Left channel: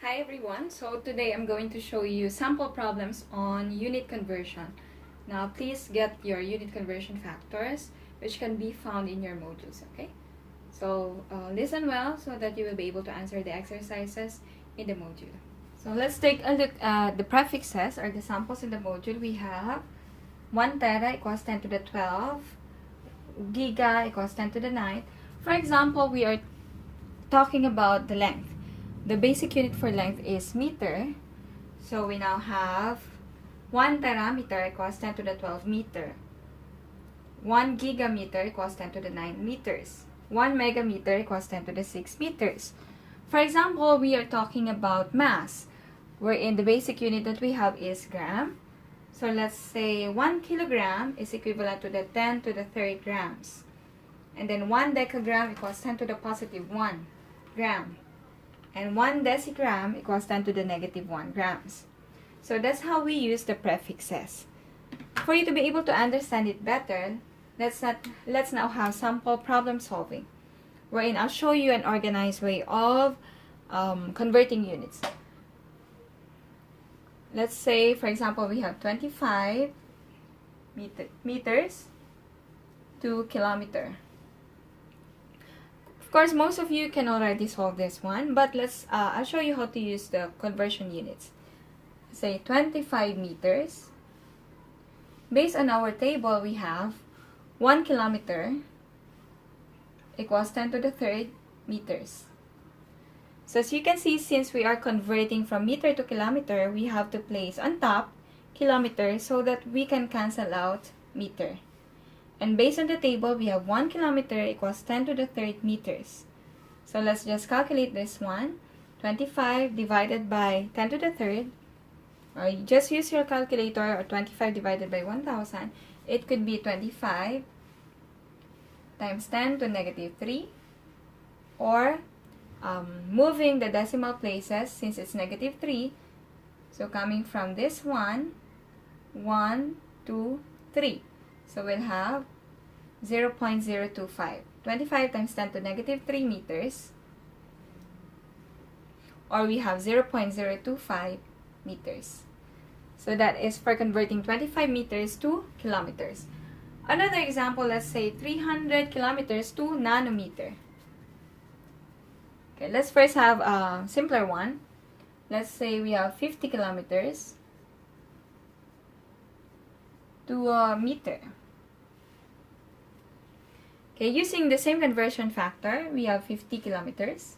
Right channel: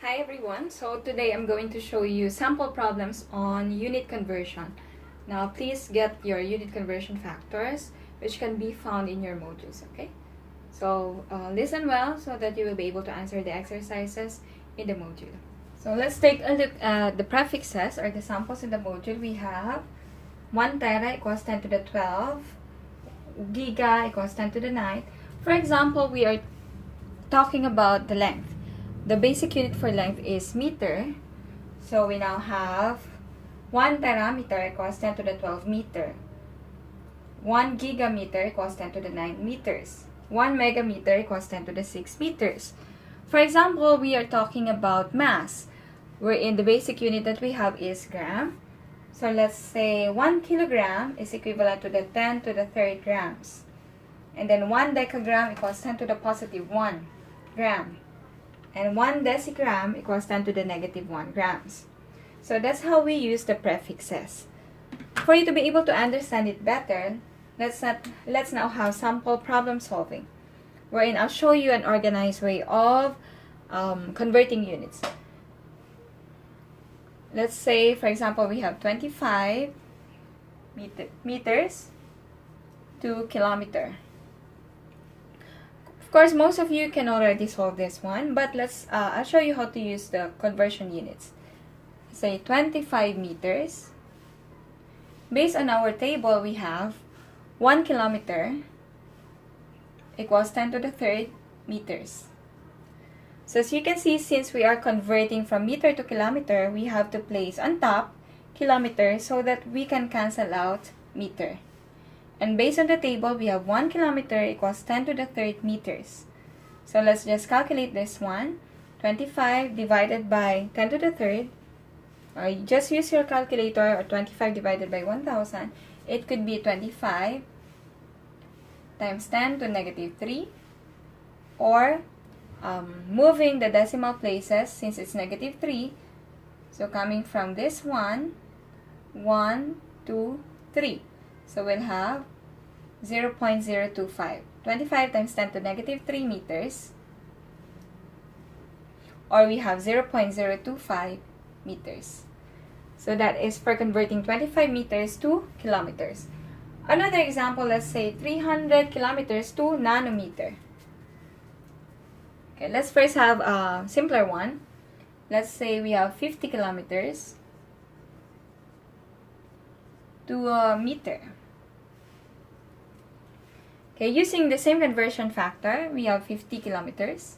Hi everyone, so today I'm going to show you sample problems on unit conversion. Now please get your unit conversion factors which can be found in your modules, okay? So listen well so that you will be able to answer the exercises in the module. So let's take a look at the prefixes or the samples in the module. We have 1 tera equals 10 to the 12, giga equals 10 to the 9. For example, we are talking about the length. The basic unit for length is meter. So we now have 1 terameter equals 10 to the 12 meter. 1 gigameter equals 10 to the 9 meters. 1 megameter equals 10 to the 6 meters. For example, we are talking about mass, wherein the basic unit that we have is gram. So let's say 1 kilogram is equivalent to the 10 to the 3rd grams. And then 1 decagram equals 10 to the positive 1 gram. And 1 decigram equals 10 to the negative 1 grams. So that's how we use the prefixes. For you to be able to understand it better, let's now have sample problem solving, wherein I'll show you an organized way of converting units. Let's say, for example, we have 25 meters to kilometer. Of course, most of you can already solve this one, but I'll show you how to use the conversion units. Say 25 meters. Based on our table, we have 1 kilometer equals 10 to the 3rd meters. So as you can see, since we are converting from meter to kilometer, we have to place on top kilometer so that we can cancel out meter. And based on the table, we have 1 kilometer equals 10 to the 3rd meters. So let's just calculate this one. 25 divided by 10 to the 3rd. Or you just use your calculator, or 25 divided by 1000. It could be 25 times 10 to negative 3. Or moving the decimal places since it's negative 3. So coming from this one, 1, 2, 3. So we'll have 0.025. 25 times 10 to negative 3 meters. Or we have 0.025 meters. So that is for converting 25 meters to kilometers. Another example, let's say 300 kilometers to nanometer. Okay, let's first have a simpler one. Let's say we have 50 kilometers to a meter. Okay, using the same conversion factor, we have 50 kilometers.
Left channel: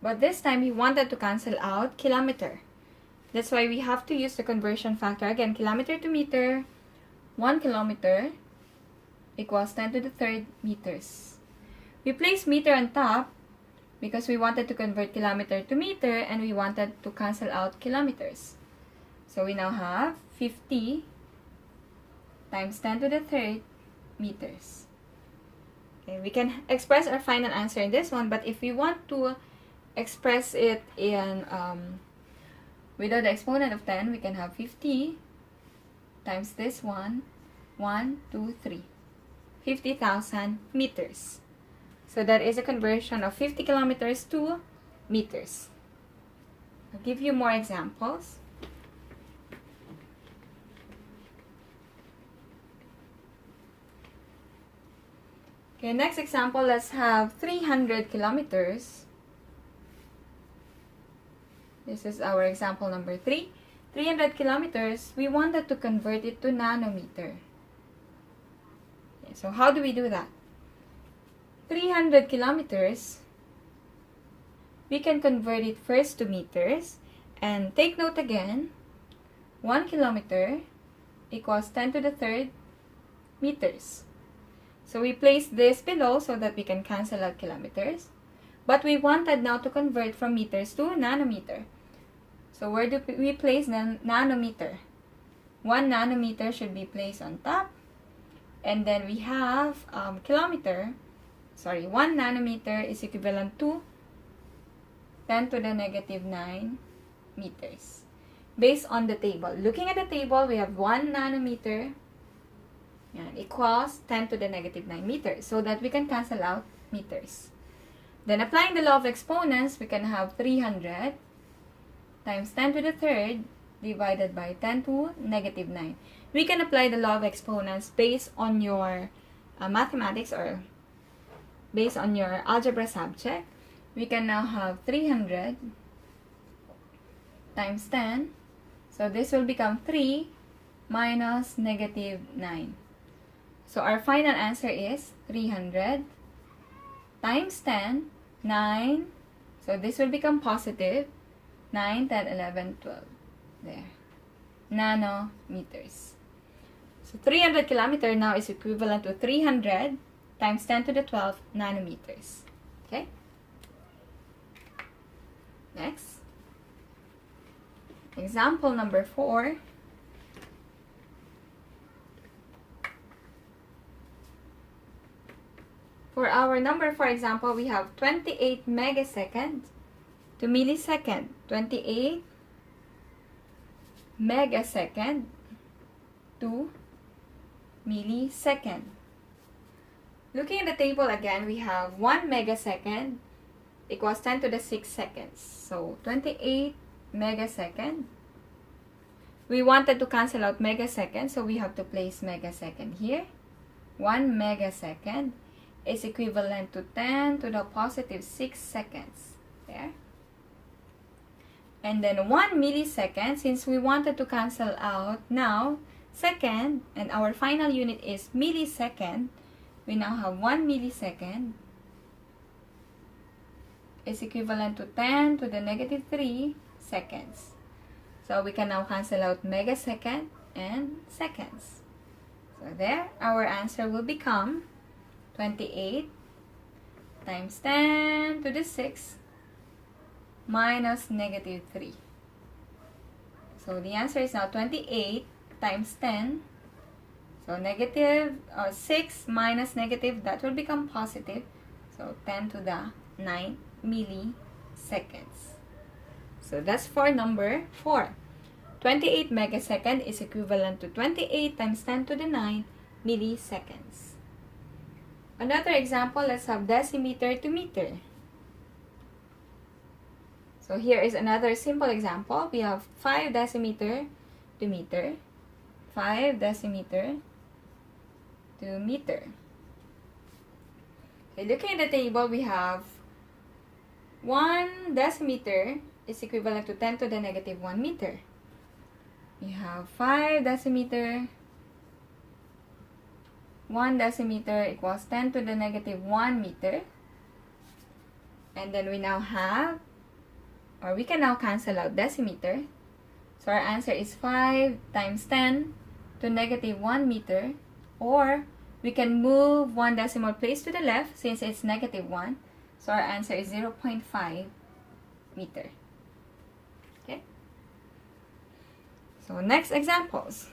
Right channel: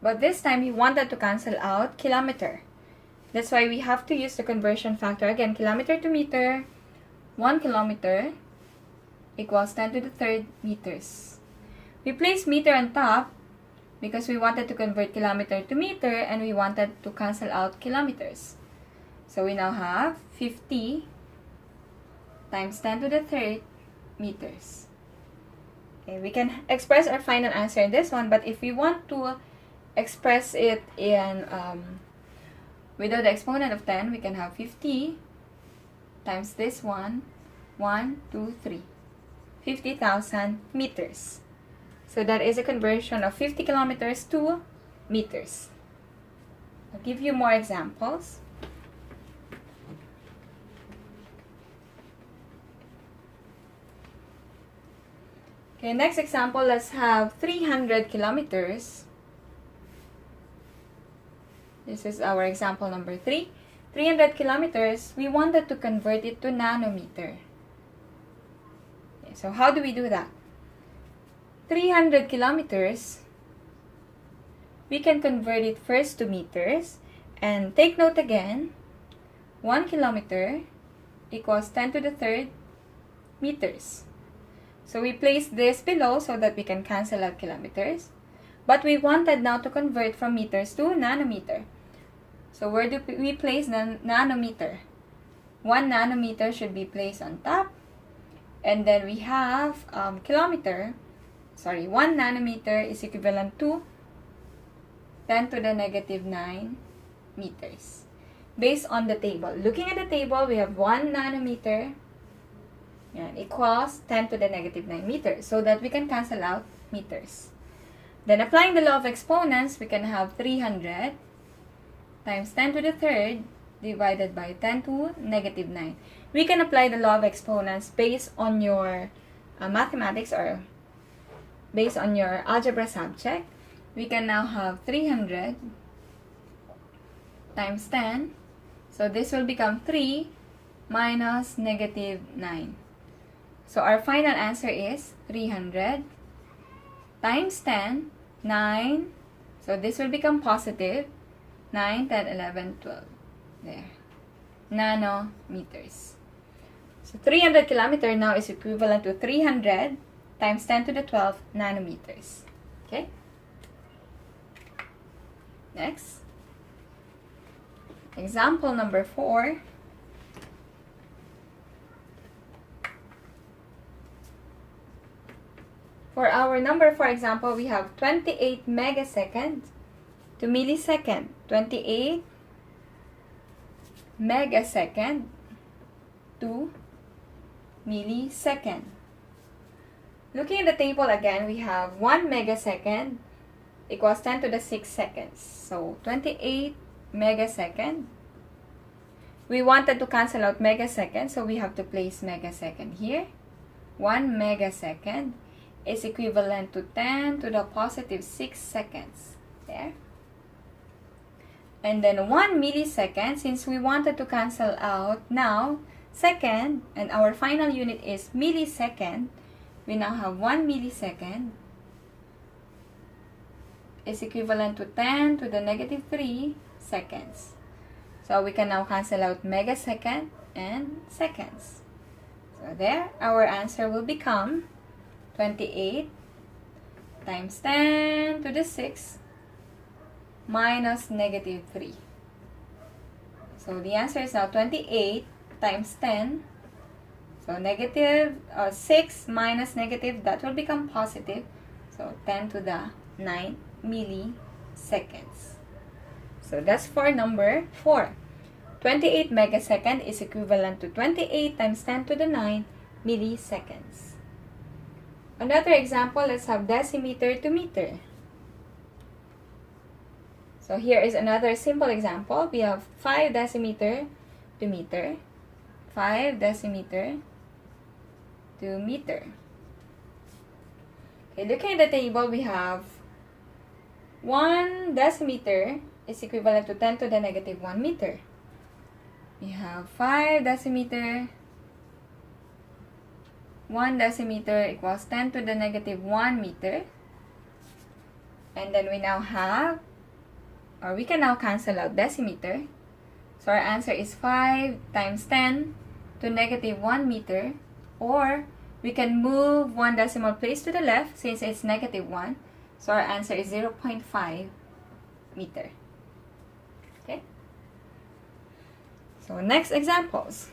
But this time, we wanted to cancel out kilometer. That's why we have to use the conversion factor. Again, kilometer to meter, 1 kilometer equals 10 to the 3rd meters. We place meter on top because we wanted to convert kilometer to meter and we wanted to cancel out kilometers. So we now have 50 times 10 to the 3rd meters. Okay, we can express our final answer in this one, but if we want to express it in without the exponent of 10, we can have 50 times this one, 1, 2, 3. 50,000 meters. So that is a conversion of 50 kilometers to meters. I'll give you more examples. Okay, next example, let's have 300 kilometers. This is our example number 3. 300 kilometers, we wanted to convert it to nanometer. Okay, so how do we do that? 300 kilometers, we can convert it first to meters. And take note again, 1 kilometer equals 10 to the 3rd meters. So we place this below so that we can cancel out kilometers. But we wanted now to convert from meters to nanometer. So where do we place the nanometer? 1 nanometer should be placed on top. And then we have 1 nanometer is equivalent to 10 to the negative 9 meters. Based on the table. Looking at the table, we have 1 nanometer equals 10 to the negative 9 meters. So that we can cancel out meters. Then applying the law of exponents, we can have 300 times 10 to the third divided by 10 to negative 9. We can apply the law of exponents based on your mathematics or based on your algebra subject. We can now have 300 times 10. So this will become 3 minus negative 9. So our final answer is 300 times 10, 9. So this will become positive 9, 10, 11, 12. There. Nanometers. So 300 kilometer now is equivalent to 300 times 10 to the 12 nanometers. Okay? Next. Example number 4. For our number 4 example, we have 28 megasecond to millisecond. 28 megasecond to millisecond. Looking at the table again, we have 1 megasecond equals 10 to the 6 seconds. So 28 megasecond. We wanted to cancel out megasecond, so we have to place megasecond here. 1 megasecond is equivalent to 10 to the positive 6 seconds. There. And then 1 millisecond, since we wanted to cancel out now second, and our final unit is millisecond, we now have 1 millisecond is equivalent to 10 to the negative 3 seconds. So we can now cancel out megasecond and seconds. So there, our answer will become 28 times 10 to the 6 minus negative 3. So the answer is now 28 times 10. So negative 6 minus negative, that will become positive. So 10 to the 9 milliseconds. So that's for number 4. 28 megasecond is equivalent to 28 times 10 to the 9 milliseconds. Another example, let's have decimeter to meter. So here is another simple example. We have 5 decimeter to meter. 5 decimeter to meter. Okay, looking at the table, we have 1 decimeter is equivalent to 10 to the negative 1 meter. We have 5 decimeter. 1 decimeter equals 10 to the negative 1 meter. And then we now have, or we can now cancel out decimeter. So our answer is 5 times 10 to negative 1 meter. Or we can move 1 decimal place to the left since it's negative 1. So our answer is 0.5 meter. Okay? So next examples.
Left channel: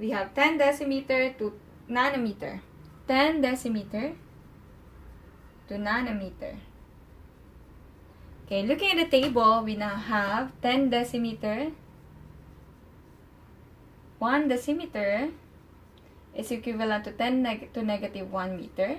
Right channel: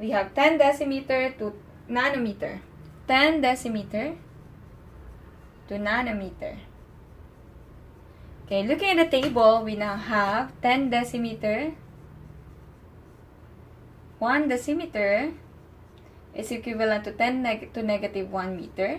We have 10 decimeter to nanometer. 10 decimeter to nanometer. Okay, looking at the table, we now have 10 decimeter. 1 decimeter is equivalent to 10 to negative 1 meter.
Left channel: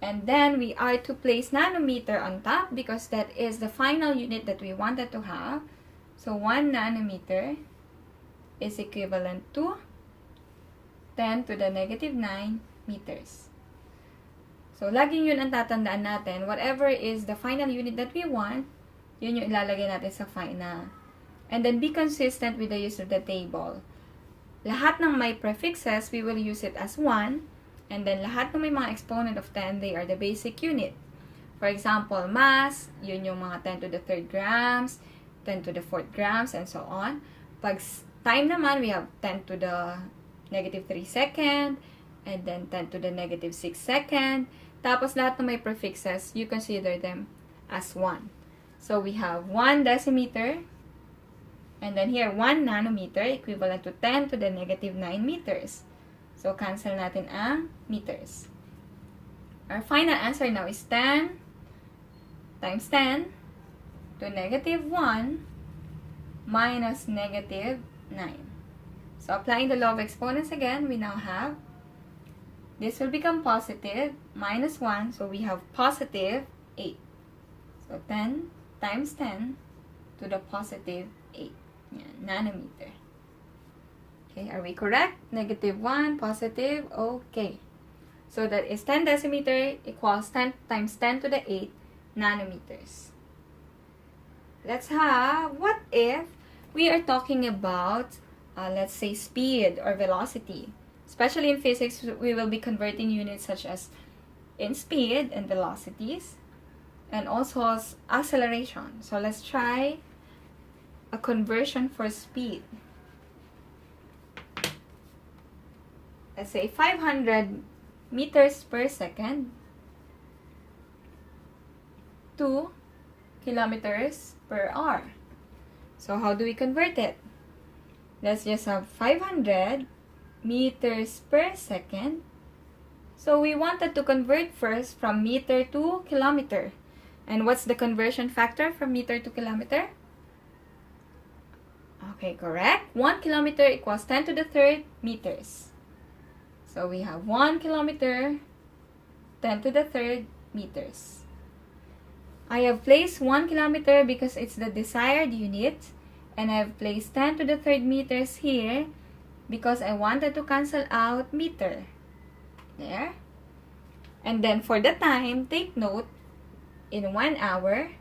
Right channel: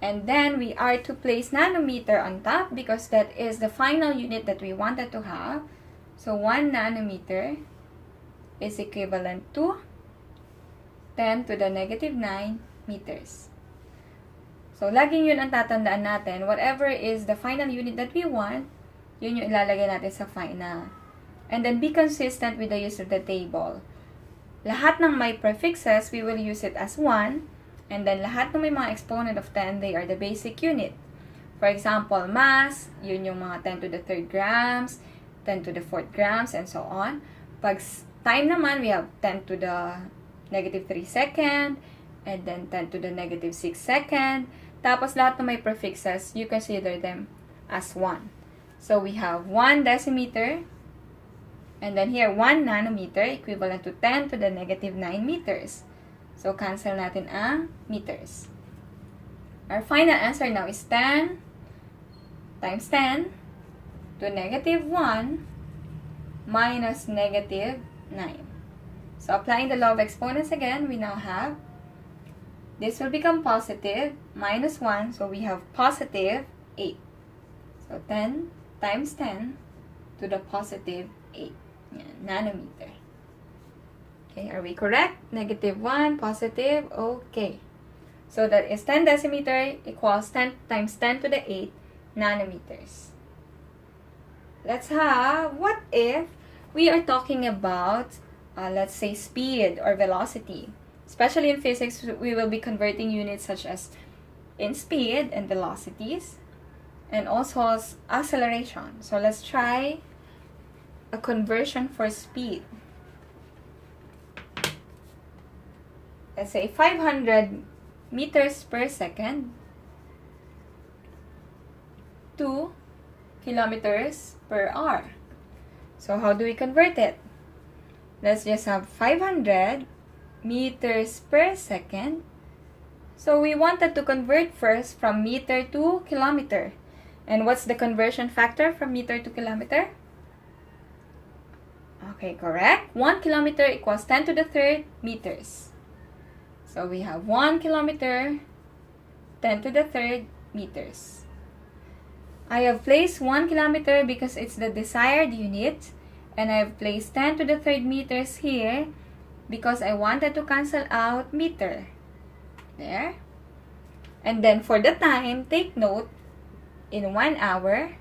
And then we are to place nanometer on top because that is the final unit that we wanted to have. So 1 nanometer is equivalent to 10 to the negative 9 meters. So, laging yun ang tatandaan natin. Whatever is the final unit that we want, yun yung ilalagay natin sa final. And then, be consistent with the use of the table. Lahat ng may prefixes, we will use it as 1. And then, lahat ng may mga exponent of 10, they are the basic unit. For example, mass, yun yung mga 10 to the 3rd grams, 10 to the 4th grams, and so on. Pag time naman, we have 10 to the negative 3 second, and then 10 to the negative 6 second. Tapos lahat ng may prefixes, you consider them as 1. So we have 1 decimeter, and then here 1 nanometer, equivalent to 10 to the negative 9 meters. So cancel natin ang meters. Our final answer now is 10 times 10 to negative 1 minus negative 9. So applying the law of exponents again, we now have, this will become positive, minus 1, so we have positive 8. So 10 times 10 to the positive 8 nanometer. Okay, are we correct? Negative 1, positive, okay. So that is 10 decimeter equals 10 times 10 to the 8 nanometers. Let's have, what if we are talking about, let's say, speed or velocity. Especially in physics, we will be converting units such as in speed and velocities, and also acceleration. So let's try a conversion for speed. Let's say 500 meters per second to kilometers per hour. So how do we convert it? Let's just have 500 meters per second. So we wanted to convert first from meter to kilometer. And what's the conversion factor from meter to kilometer? Okay, correct. 1 kilometer equals 10 to the third meters. So we have 1 kilometer, 10 to the third meters. I have placed 1 kilometer because it's the desired unit. And I have placed 10 to the third meters here because I wanted to cancel out meter. There. And then for the time, take note, in 1 hour,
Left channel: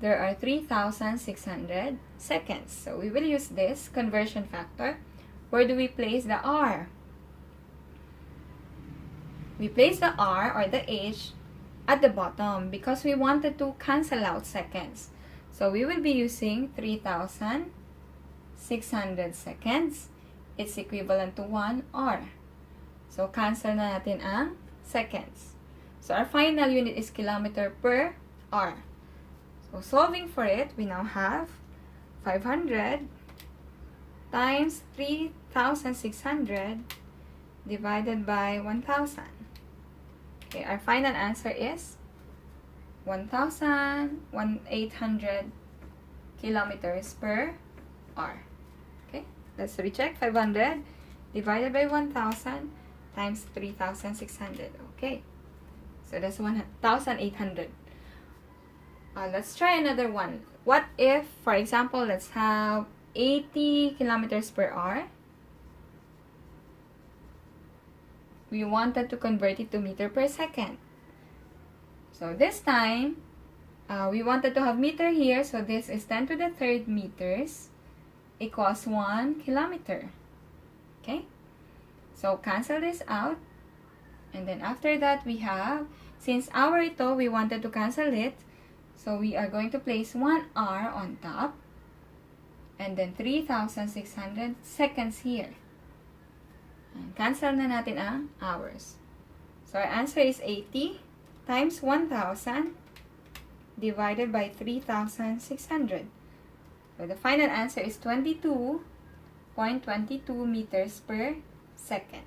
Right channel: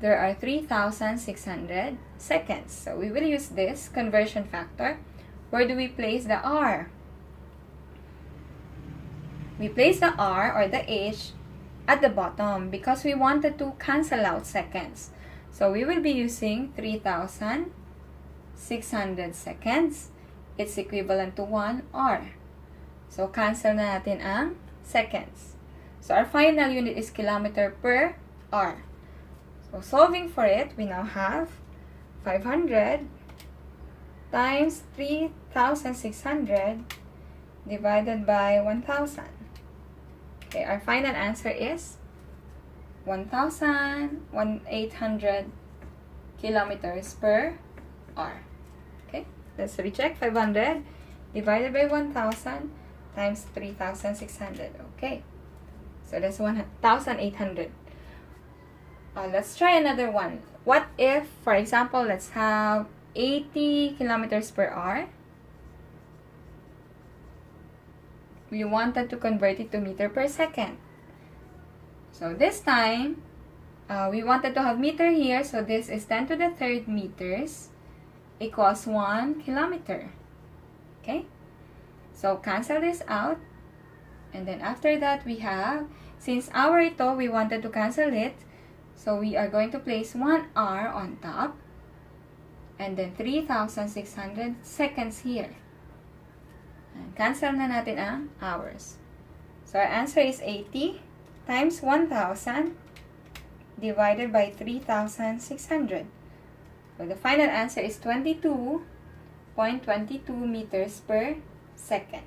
there are 3,600 seconds. So we will use this conversion factor. Where do we place the R? We place the R or the H at the bottom because we wanted to cancel out seconds. So we will be using 3,600 seconds. It's equivalent to 1 R. So cancel na natin ang seconds. So our final unit is kilometer per hour. So solving for it, we now have 500 times 3,600 divided by 1,000. Okay, our final answer is 1,800 kilometers per hour. Okay, let's recheck. 500 divided by 1,000 times 3,600. Okay, so that's 1,800. Let's try another one. What if, for example, let's have 80 kilometers per hour. We wanted to convert it to meter per second. So this time, we wanted to have meter here. So this is 10 to the third meters equals 1 kilometer. Okay? So cancel this out. And then after that, we have, since hour ito, we wanted to cancel it. So we are going to place 1 hour on top. And then 3,600 seconds here. And cancel na natin ang hours. So our answer is 80 times 1,000 divided by 3,600. So the final answer is 22.22 meters per second.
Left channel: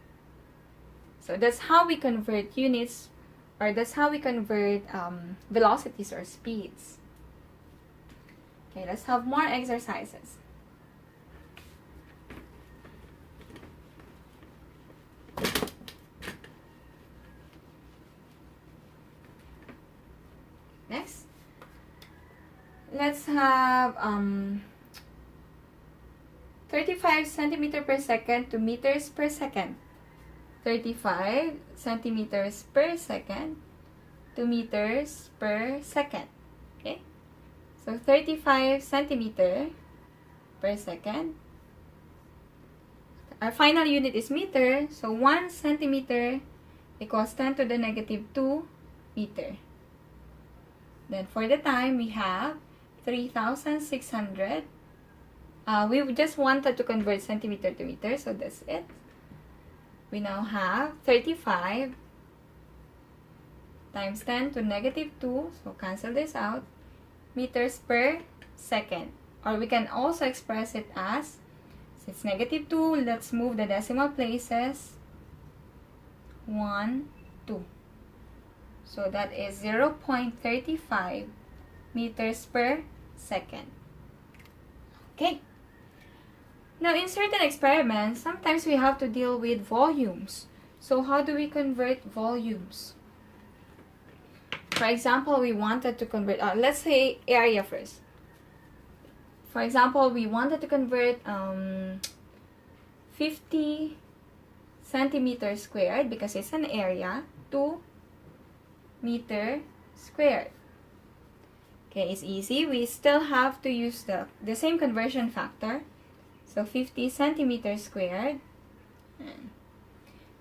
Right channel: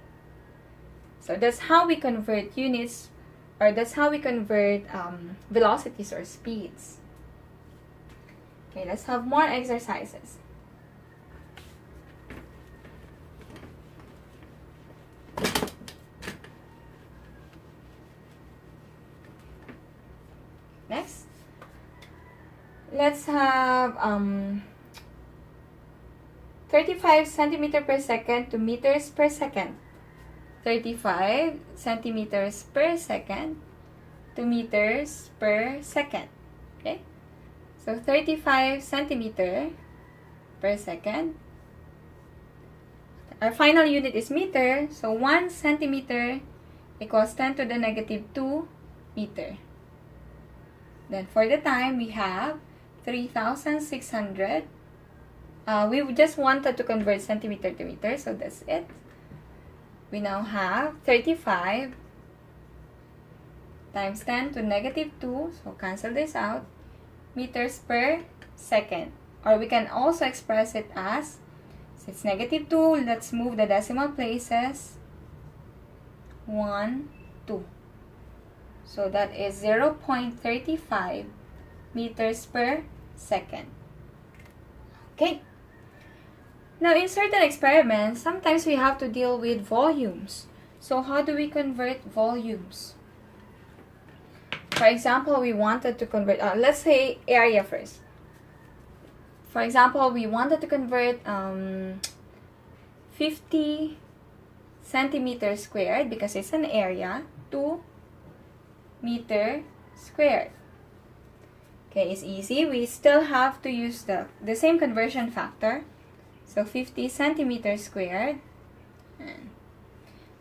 So that's how we convert units, or that's how we convert velocities or speeds. Okay, let's have more exercises. Next, let's have 35 centimeter per second to meters per second. 35 centimeters per second to meters per second. Okay, so 35 centimeter per second. Our final unit is meter, so 1 centimeter equals 10 to the negative 2 meter. Then for the time, we have 3,600. We just wanted to convert centimeter to meter, so that's it. We now have 35 times 10 to negative 2, so cancel this out, meters per second. Or we can also express it as, since negative 2, let's move the decimal places, 1, 2. So that is 0.35 meters per second. Okay. Now, in certain experiments, sometimes we have to deal with volumes. So how do we convert volumes? For example, we wanted to convert, let's say area first. For example, we wanted to convert 50 centimeters squared, because it's an area, to meter squared. Okay, it's easy. We still have to use the same conversion factor. So 50 centimeters squared. And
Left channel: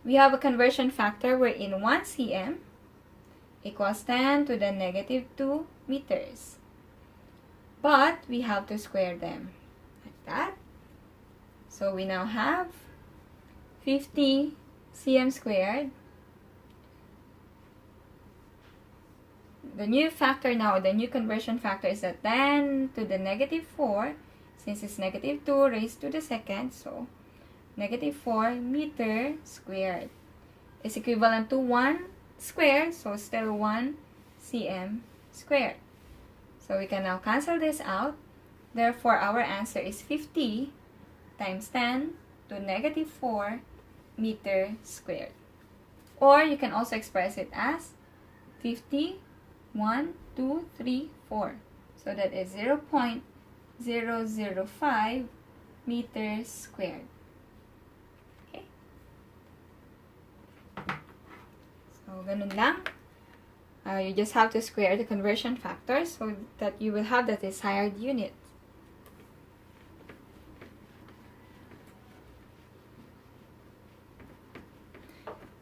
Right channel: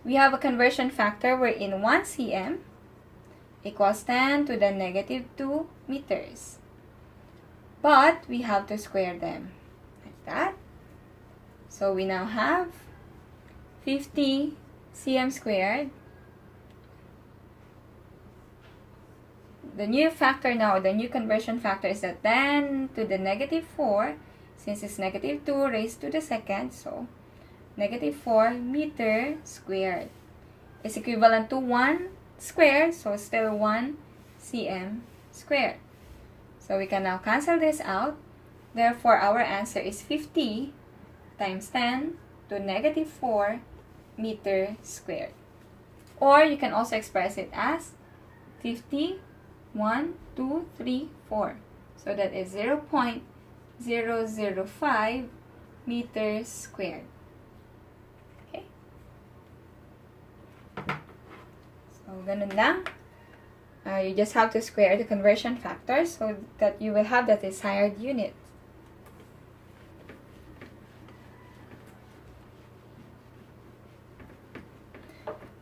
we have a conversion factor wherein 1 cm equals 10 to the negative 2 meters. But we have to square them like that. So we now have 50 cm squared. The new factor now, the new conversion factor is a 10 to the negative 4, since it's negative 2 raised to the second, so negative 4 meter squared is equivalent to 1 squared, so still 1 cm squared. So we can now cancel this out. Therefore, our answer is 50 times 10 to negative 4 meter squared. Or you can also express it as 50, 1, 2, 3, 4. So that is 0.005 meters squared. Okay. So, ganun lang. You just have to square the conversion factors so that you will have the desired unit.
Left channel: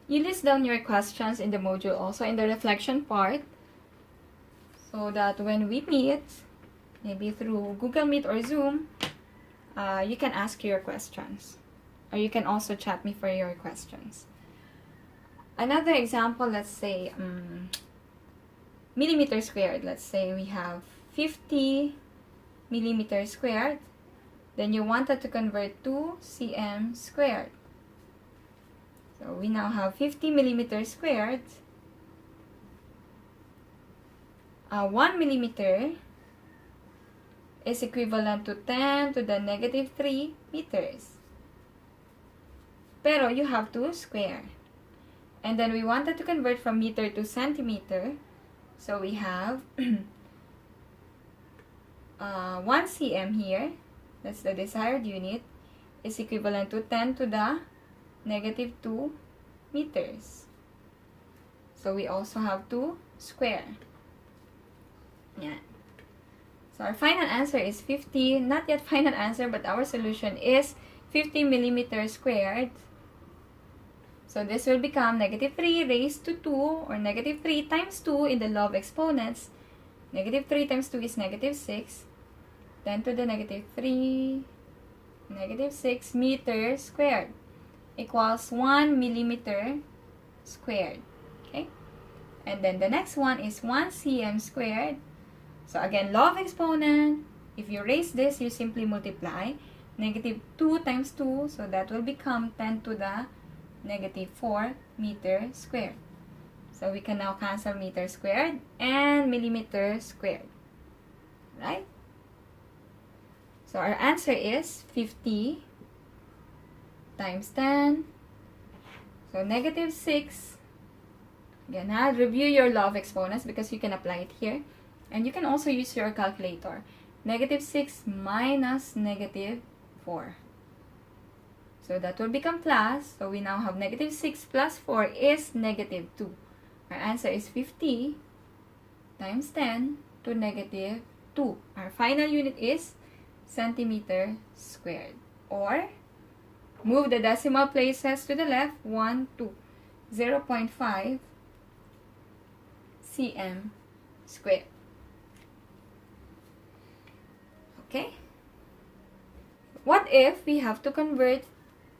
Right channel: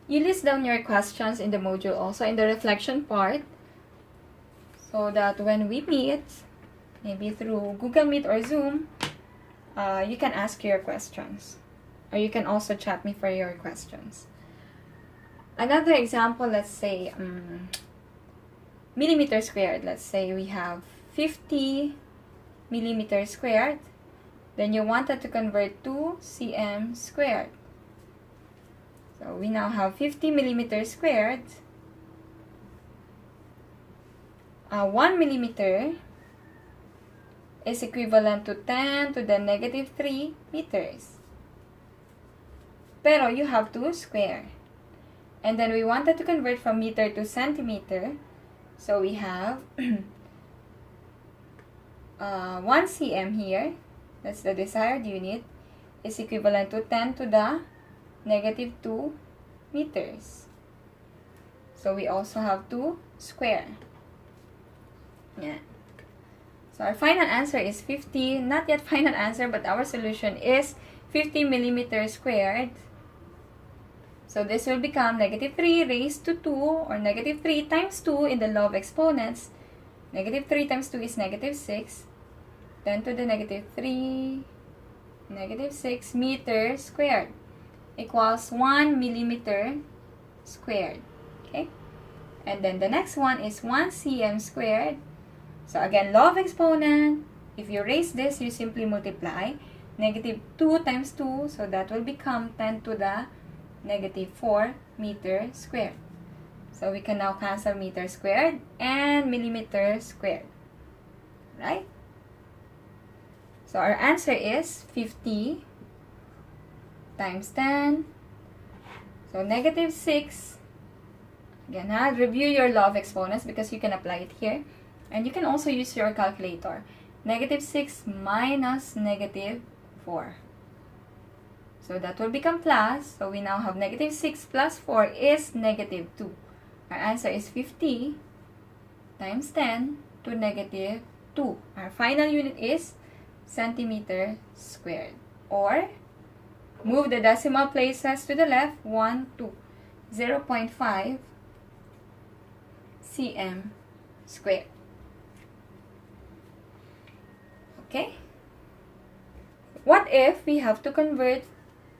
You list down your questions in the module also in the reflection part, so that when we meet, maybe through Google Meet or Zoom, you can ask your questions. Or you can also chat me for your questions. Another example, let's say millimeter squared. Let's say we have 50 millimeters squared. Then you wanted to convert to cm squared. So we now have 50 millimeters squared. 1 millimeter is equivalent to 10 to the negative 3 meters. Pero you have to square. And then we wanted to convert from meter to centimeter. So we have 1 cm here. That's the desired unit. Is equivalent to 10 to the negative 2 meters. So we also have to square. Yeah. So our final answer is 50. Not yet final answer, but our solution is 50 millimeters squared. So this will become negative 3 raised to 2, or negative 3 times 2 in the law of exponents. Negative 3 times 2 is negative 6. 10 to the negative 3, negative 6 meters squared equals 1 millimeter squared. Okay? And then the next one is 1 cm squared. So again, law of exponent. If you raise this, you simply multiply. Negative 2 times 2, so that will become 10 to the negative 4 meter squared. So we can now cancel meter squared and millimeter squared. Right? So our answer is 50 times 10. So negative 6. Again, review your law of exponents because you can apply it here. And you can also use your calculator. Negative 6 minus negative 4. So that will become plus. So we now have negative 6 plus 4 is negative 2. Our answer is 50 times 10 to negative 2. Our final unit is centimeter squared. Or, move the decimal places to the left, 1, 2. 0.5 cm squared. Okay? What if we have to convert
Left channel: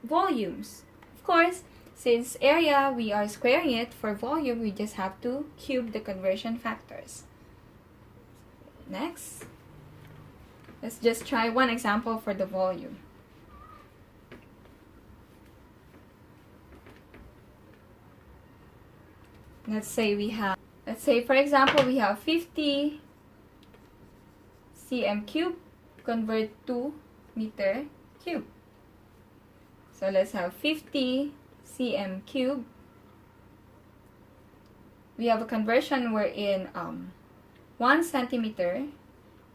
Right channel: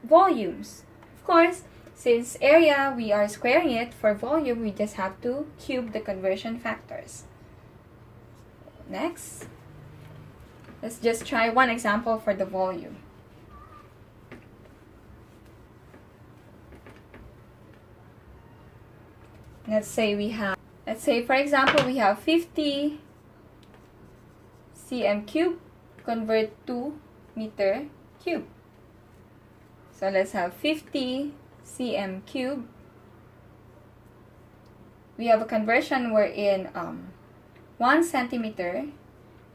volumes? Of course, since area, we are squaring it. For volume, we just have to cube the conversion factors. Next, let's just try one example for the volume. Let's say for example, we have 50 cm cubed convert to meter cube. So let's have 50 cm cube. We have a conversion wherein 1 centimeter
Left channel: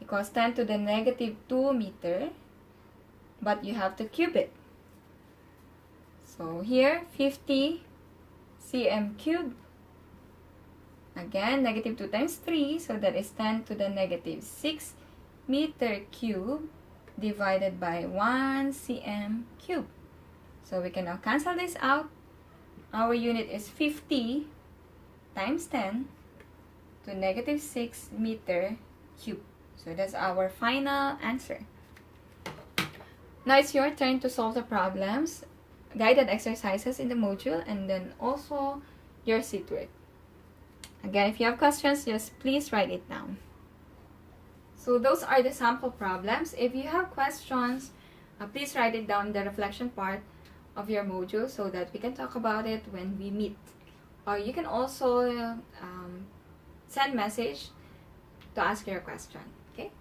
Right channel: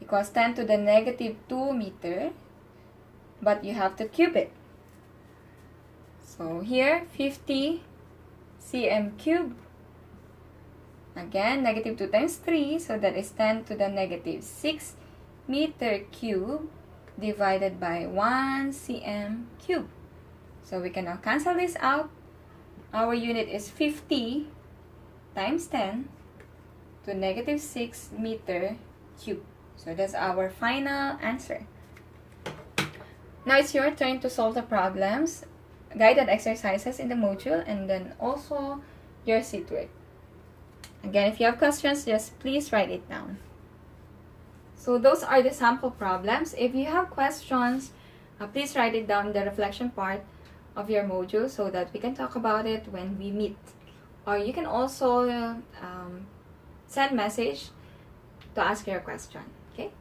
equals 10 to the negative 2 meter, but you have to cube it. So here, 50 cm cube. Again, negative 2 times 3, so that is 10 to the negative 6 meter cube divided by 1 cm cube. So we can now cancel this out. Our unit is 50 times 10 to negative 6 meter cube. So that's our final answer. Now it's your turn to solve the problems, guided exercises in the module, and then also your seat work. Again, if you have questions, just please write it down. So those are the sample problems. If you have questions, please write it down in the reflection part of your module so that we can talk about it when we meet. Or you can also send message to ask your question. Okay?